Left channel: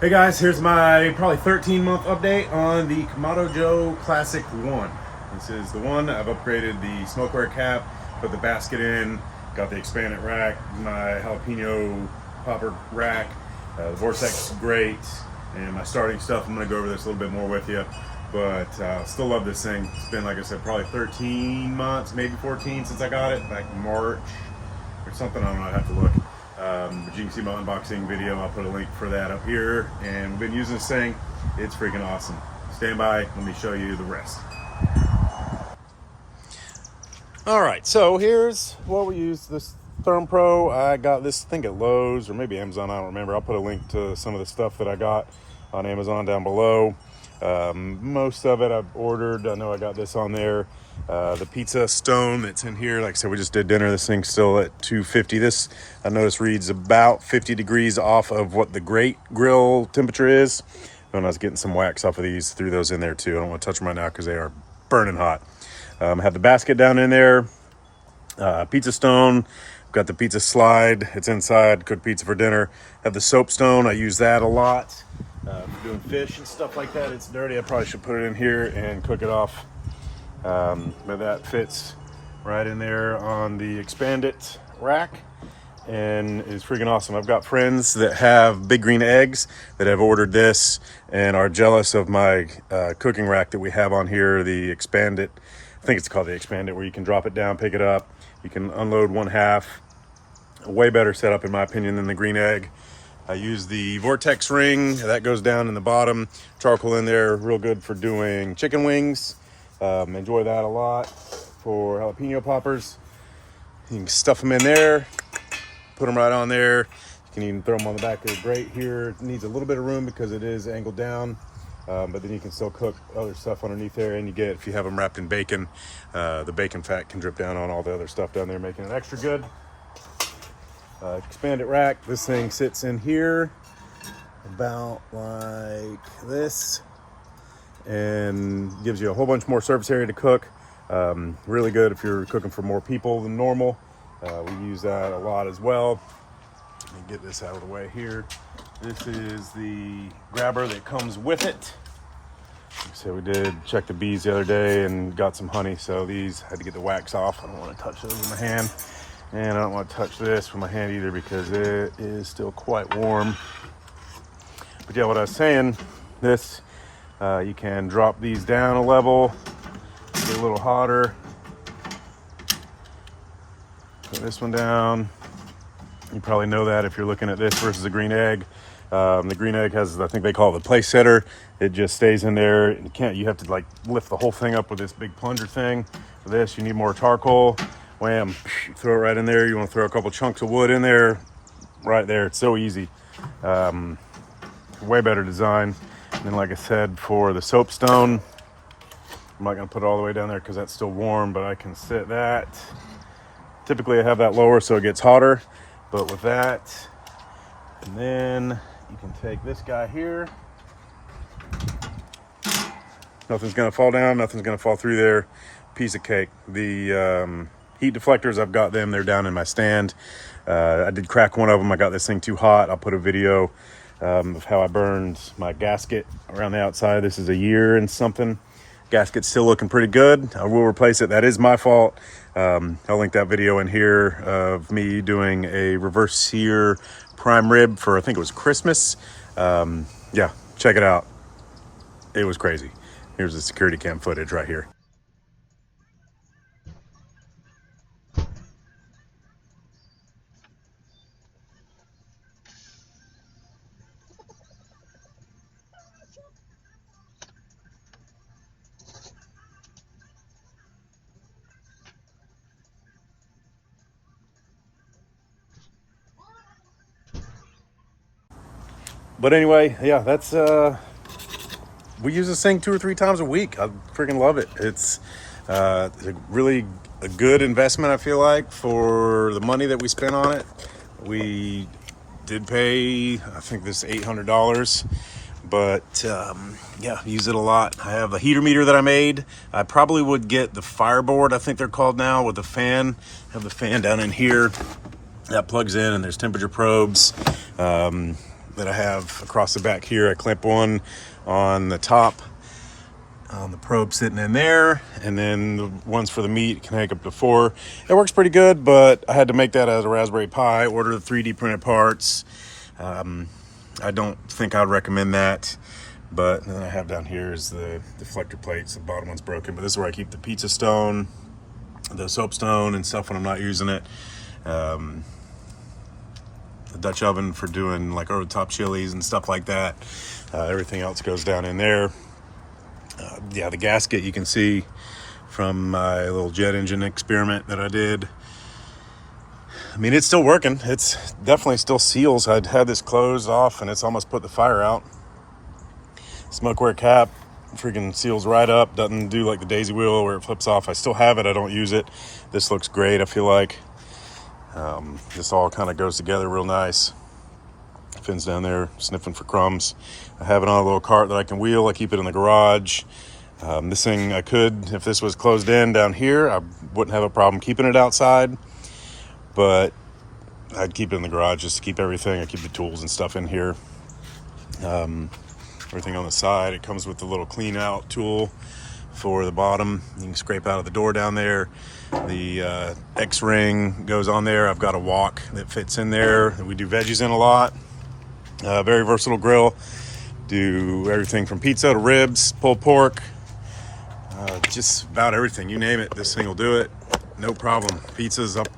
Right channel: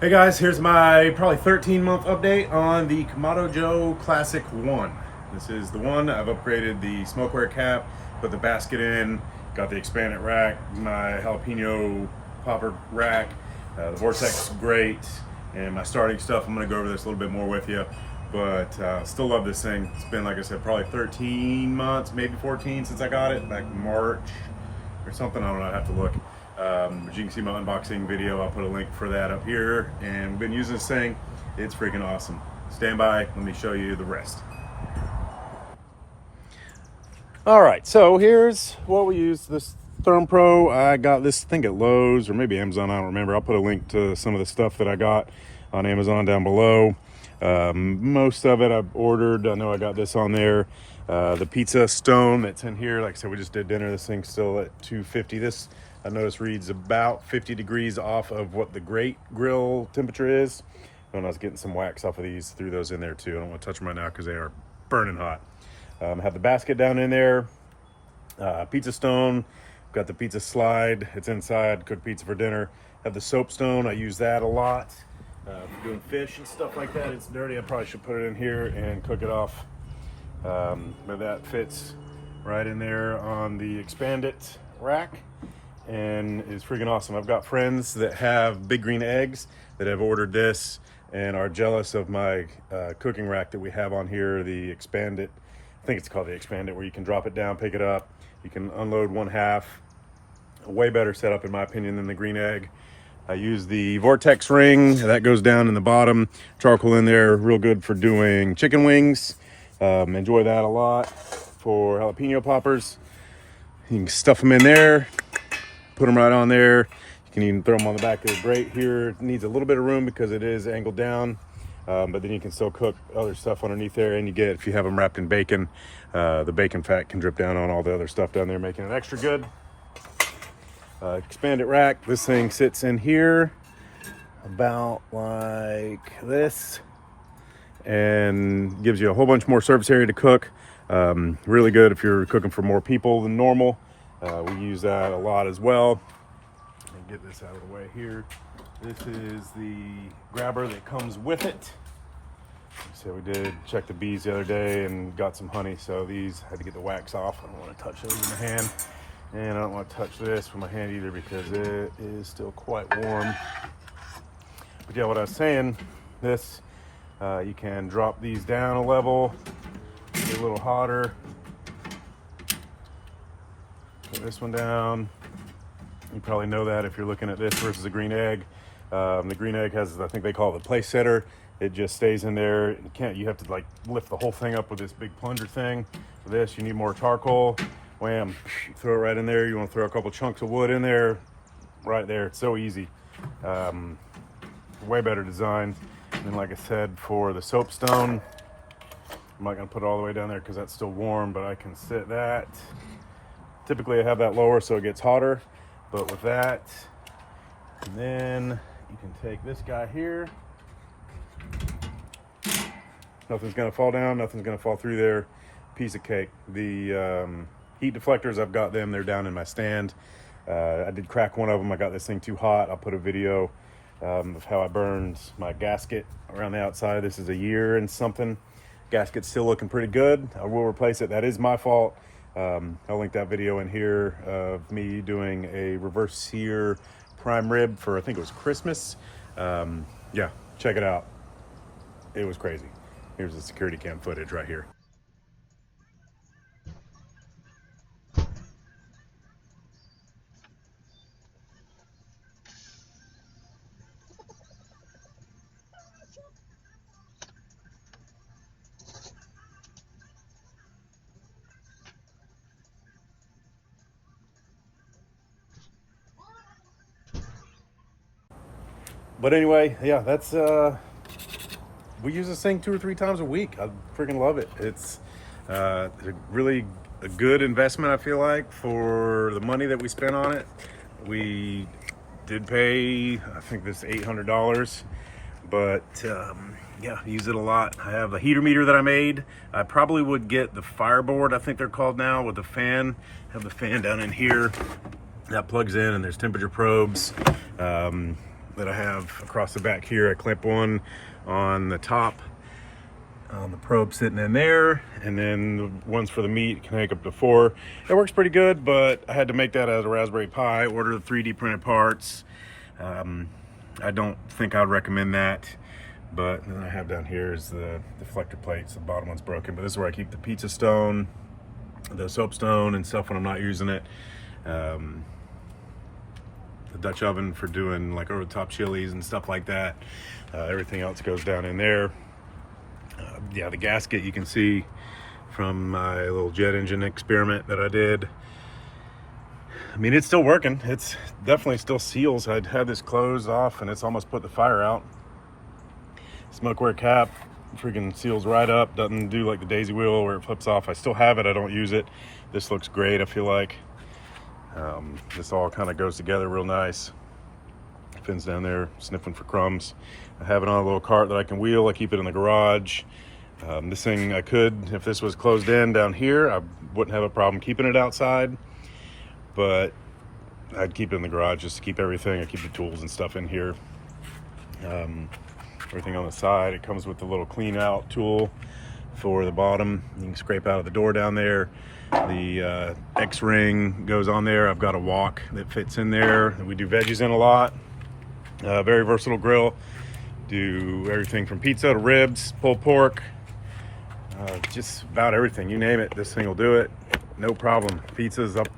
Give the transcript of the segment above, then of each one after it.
Hey guys, here's my probably 13-month update on the Kamado Joe Classic I. This is the one. I've upgraded the smokeware cap, put the basket in, got the expanded rack, my jalapeno popper rack, the Vortex is great, and my starting stuff. I'm going to go over this a little bit more with you, but still love this thing. It's been, like I said, probably 13 months, maybe 14 since I got it, back in March or something. I don't know, I'd have to look. But you can see my unboxing video. I'll put a link for that up here. And we've been using this thing. It's freaking awesome. Stand by. Let me show you the rest. All right, so here's what we use. This Therm Pro. I got this, I think, at Lowe's or maybe Amazon. I don't remember. I'll put a link to some of the stuff that I got on Amazon down below. Most of it I've ordered. I know I got this on there. The pizza stone that's in here, like I said, we just did dinner. This thing's still at 250. This, I noticed, reads about 50 degrees off of what the grate grill temperature is. And I was getting some wax off of these, threw those in there too. I don't want to touch them right now because they are burning hot. Have the basket down in there. Pizza stone. Got the pizza slide. It's inside. Cook pizza for dinner. Have the soap stone. I use that a lot. Doing fish and stuff like that. It's dirty. I probably should put it in here and cook it off. But that fits right in there on the expanded rack and is freaking awesome. I've got friends that have big green eggs that have ordered this and are jealous of my cooking rack that we have on here, the expanded. I think it's called the expanded, where you can drop it down, pick it up. You can unload one half. A way better setup in my opinion than the green egg. I use the Vortex ring that goes down in the bottom, charcoal in there, real good for doing chicken wings. Enjoy that a lot for jalapeno poppers. You can stuff them in there, put them right on there. You can even throw them on the back of the grate here. It needs a little bit of room because it is angled down, but then you can still cook other stuff underneath there. And you get, if you have them wrapped in bacon, the bacon fat can drip down on all the other stuff down there, making it extra good. Expanded rack. This thing sits in here about like this and gives you a whole bunch more surface area to cook. Really good if you're cooking for more people than normal. We use that a lot as well. Let me get this out of the way here. This is the grabber that comes with it. Like I said, we did check the bees the other day and got some honey, so these had to get the wax off. I don't want to touch those in my hand. And I don't want to touch this with my hand either because it is still quite warm. But yeah, what I was saying, this, you can drop these down a level, get a little hotter. Put this one down. You probably know that if you're looking at this versus a green egg. The green egg has, I think they call it the place setter. It just stays in there. You have to like lift the whole thing up with this big plunger thing. For this, you need more charcoal. Wham, throw it right in there. You want to throw a couple chunks of wood in there, right there. It's so easy. Way better design. And then, like I said, for the soapstone, I'm not going to put it all the way down there because that's still warm, but I can set that. Typically, I have that lower so it gets hotter, but with that, and then you can take this guy here. Nothing's going to fall down. Nothing's going to fall through there. Piece of cake. The heat deflectors, I've got them. They're down in my stand. I did crack one of them. I got this thing too hot. I'll put a video of how I burned my gasket around the outside. This is a year and something. Gasket's still looking pretty good. I will replace it. That is my fault. I'll link that video in here of me doing a reverse sear prime rib for, I think it was Christmas. Yeah, check it out. It was crazy. Here's the security cam footage right here. But anyway, yeah, that's we use this thing 2 or 3 times a week. I freaking love it. It's really a good investment, I feel like, for the money that we spent on it. We did pay, I think, this $800, but yeah, use it a lot. I have a heater meter that I made. I probably would get the Fireboard, I think they're called now, with the fan. Have the fan down in here that plugs in, and there's temperature probes. that I have across the back here. I clamp one on the top on the probe sitting in there, and then the ones for the meat can take up to 4. It works pretty good, but I had to make that out of Raspberry Pi, order the 3D printed parts. I don't think I'd recommend that, but then I have down here is the deflector plates. The bottom one's broken, but this is where I keep the pizza stone, the soapstone and stuff when I'm not using it. The Dutch oven for doing like over the top chilies and stuff like that. Everything else goes down in there. Yeah, the gasket you can see from my little jet engine experiment that I did. I mean, it's still working. It's definitely still seals. I'd had this closed off and it's almost put the fire out. Smokeware cap freaking seals right up. Doesn't do like the daisy wheel where it flips off. I still have it. I don't use it. This looks great, I feel like. This all kind of goes together real nice. Finn's down there sniffing for crumbs. I have it on a little cart that I can wheel. I keep it in the garage. This thing I could, if this was closed in down here, I wouldn't have a problem keeping it outside, but I'd keep it in the garage just to keep everything. I keep the tools and stuff in here. Everything on the side, it comes with the little clean out tool for the bottom. You can scrape out of the door down there. The X-ring goes on there. I've got a wok that fits in there that we do veggies in a lot. Very versatile grill. Do everything from pizza to ribs, pulled pork, just about everything. You name it, this thing will do it. No problem. Pizza's up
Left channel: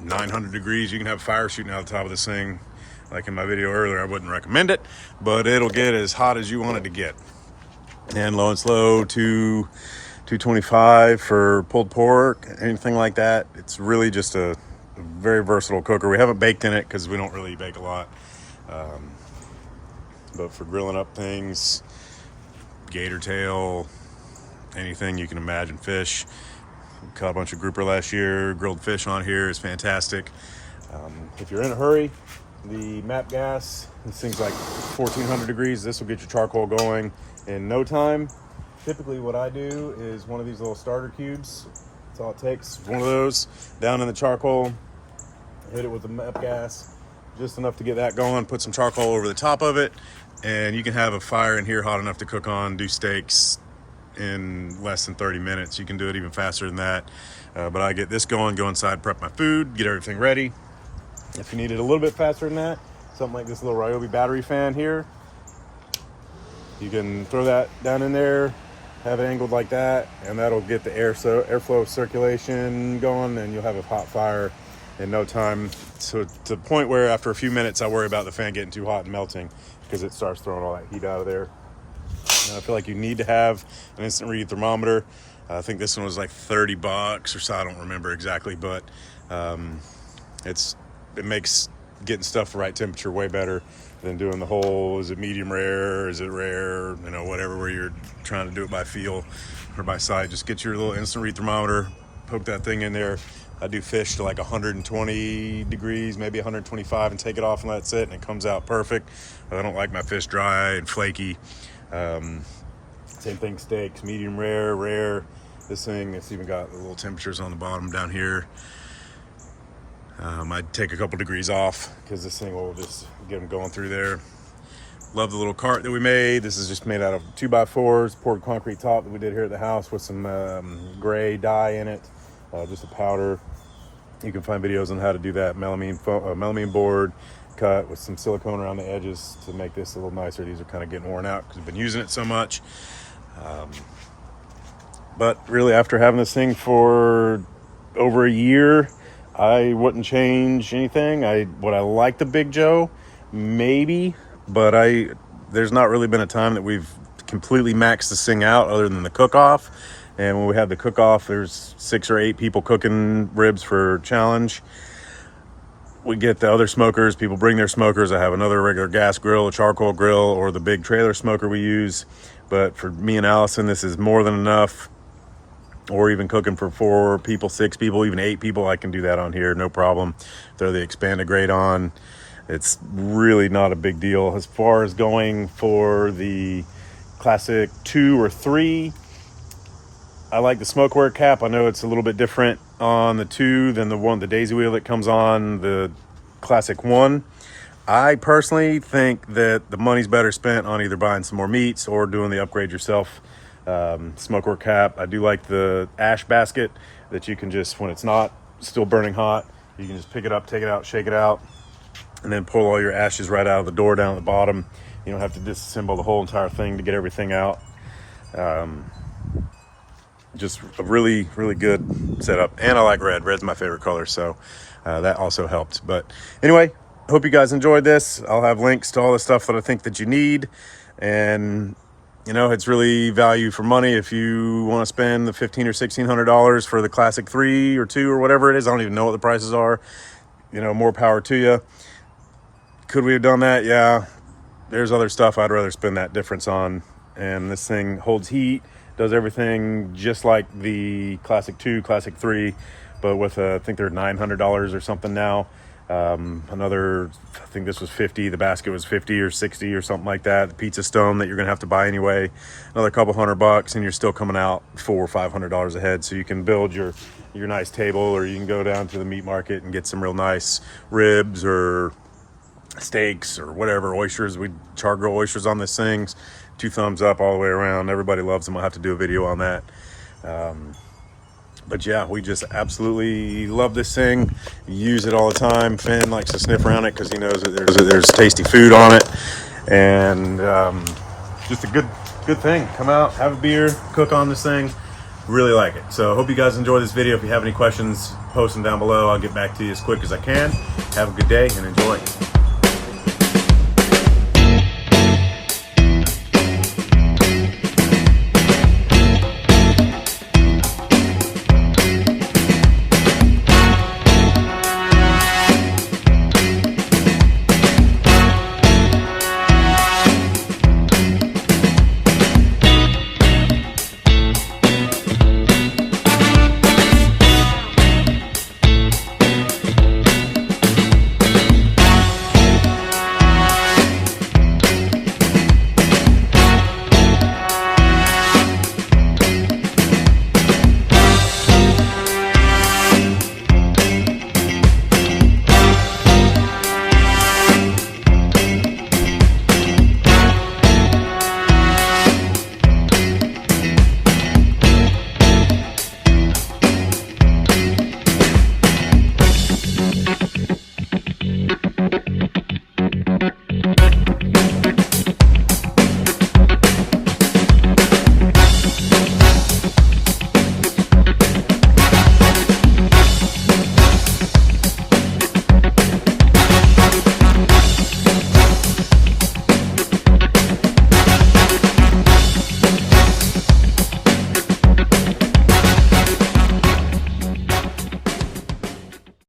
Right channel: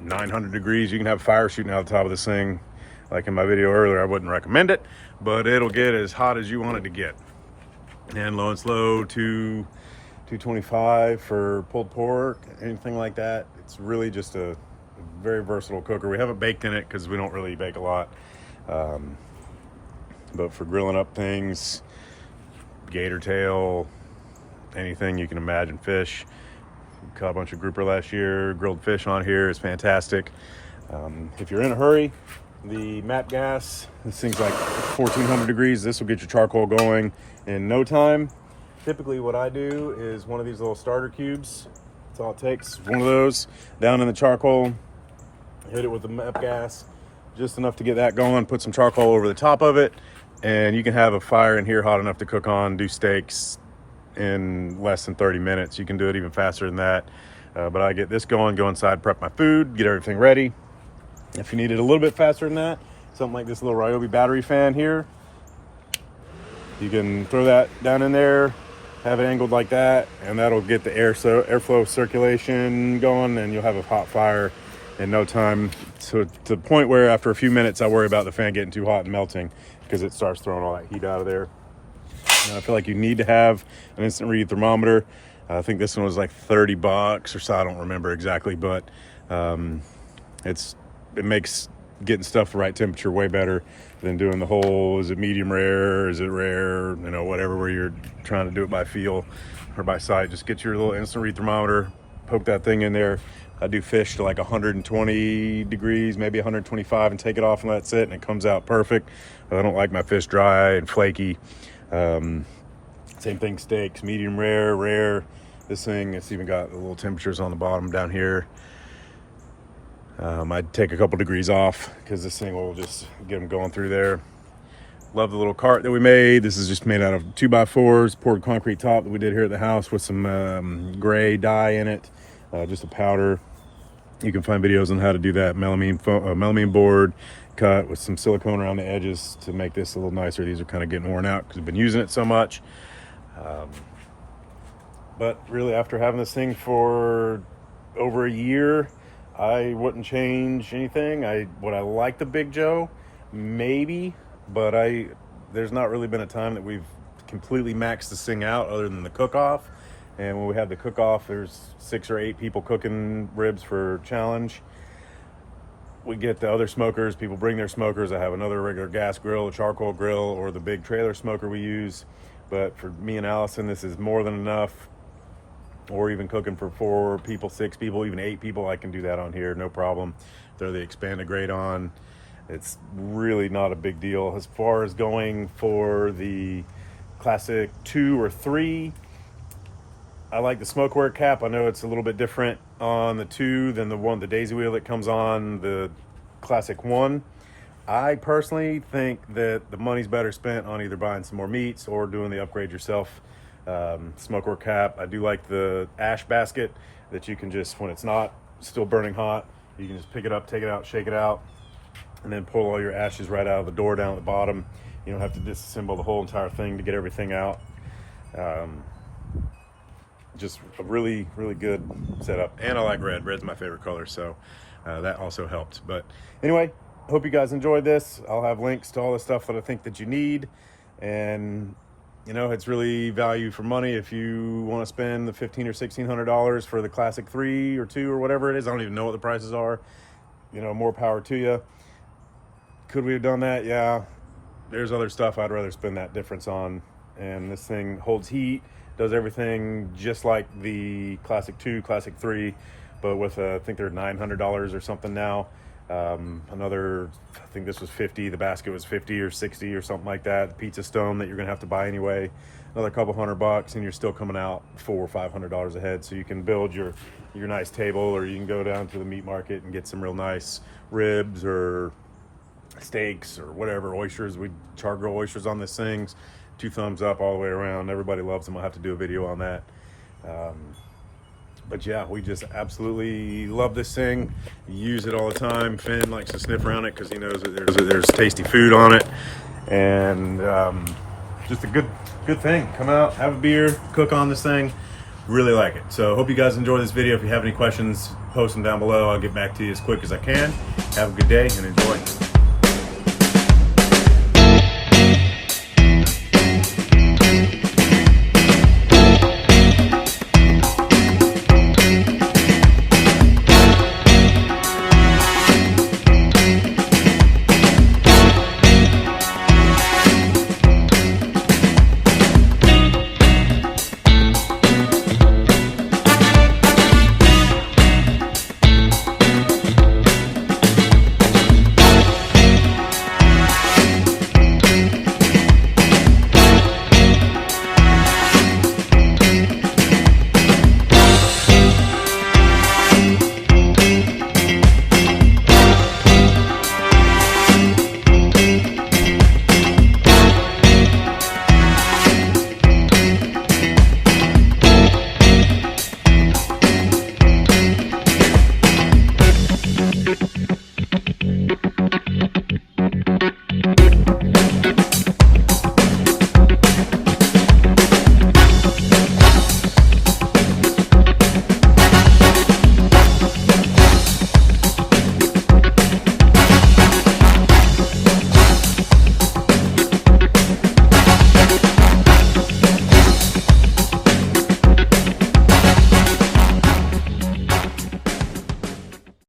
900 degrees. You can have fire shooting out the top of this thing. Like in my video earlier, I wouldn't recommend it, but it'll get as hot as you want it to get. And low and slow to 225 for pulled pork, anything like that. It's really just a very versatile cooker. We haven't baked in it because we don't really bake a lot. But for grilling up things, gator tail, anything you can imagine, fish. Caught a bunch of grouper last year, grilled fish on here. It's fantastic. If you're in a hurry, the MAP gas, this thing's like 1400 degrees. This will get your charcoal going in no time. Typically what I do is one of these little starter cubes. That's all it takes. One of those down in the charcoal, hit it with the MAP gas, just enough to get that going, put some charcoal over the top of it, and you can have a fire in here hot enough to cook on, do steaks in less than 30 minutes. You can do it even faster than that. But I get this going, go inside, prep my food, get everything ready. If you need it a little bit faster than that, something like this little Ryobi battery fan here, you can throw that down in there, have it angled like that, and that'll get the airflow circulation going, and you'll have a hot fire in no time. So to the point where after a few minutes, I worry about the fan getting too hot and melting because it starts throwing all that heat out of there. And I feel like you need to have an instant read thermometer. I think this one was like $30 or so. I don't remember exactly, but it makes getting stuff the right temperature way better than doing the whole, is it medium rare, is it rare, you know, whatever, where you're trying to do it by feel or by sight. Just get your little instant read thermometer, poke that thing in there. I do fish to like 120 degrees, maybe 125, and take it off and that's it, and it comes out perfect. I don't like my fish dry and flaky. Same thing, steaks, medium rare, rare. This thing, it's even got the little temperatures on the bottom down here. I'd take a couple degrees off because this thing will just get them going through there. Love the little cart that we made. This is just made out of 2x4s, poured concrete top that we did here at the house with some gray dye in it, just a powder. You can find videos on how to do that. Melamine board cut with some silicone around the edges to make this a little nicer. These are kind of getting worn out because we've been using it so much. But really, after having this thing for over a year, I wouldn't change anything. Would I like the Big Joe? Maybe, but there's not really been a time that we've completely maxed this thing out other than the cook-off. And when we had the cook-off, there's 6 or 8 people cooking ribs for challenge. We get the other smokers, people bring their smokers. I have another regular gas grill, a charcoal grill, or the big trailer smoker we use. But for me and Allison, this is more than enough. Or even cooking for 4 people, 6 people, even 8 people, I can do that on here, no problem. Throw the expanded grate on. It's really not a big deal. As far as going for the Classic 2 or 3, I like the smokeware cap. I know it's a little bit different on the 2 than the daisy wheel that comes on the Classic 1. I personally think that the money's better spent on either buying some more meats or doing the upgrade yourself smokework cap. I do like the ash basket that you can just, when it's not still burning hot, you can just pick it up, take it out, shake it out, and then pull all your ashes right out of the door down at the bottom. You don't have to disassemble the whole entire thing to get everything out. Just a really, really good setup. And I like red. Red's my favorite color, so that also helped. But anyway, hope you guys enjoyed this. I'll have links to all the stuff that I think that you need. And you know, it's really value for money. If you want to spend the $1,500 or $1,600 for the Classic 3 or 2 or whatever it is, I don't even know what the prices are. You know, more power to you. Could we have done that? Yeah. There's other stuff I'd rather spend that difference on. And this thing holds heat, does everything just like the Classic 2, Classic 3, but with I think they're $900 or something now. Another, I think this was 50, the basket was 50 or 60 or something like that. The pizza stone that you're gonna have to buy anyway, another couple $100, and you're still coming out $400 or $500 ahead. So you can build your nice table, or you can go down to the meat market and get some real nice ribs or steaks or whatever, oysters. We char grill oysters on this thing. 2 thumbs up all the way around. Everybody loves them. I'll have to do a video on that. But yeah, we just absolutely love this thing. Use it all the time. Finn likes to sniff around it because he knows that there's tasty food on it. And just a good thing. Come out, have a beer, cook on this thing. Really like it. So hope you guys enjoy this video. If you have any questions, post them down below. I'll get back to you as quick as I can. Have a good day and enjoy.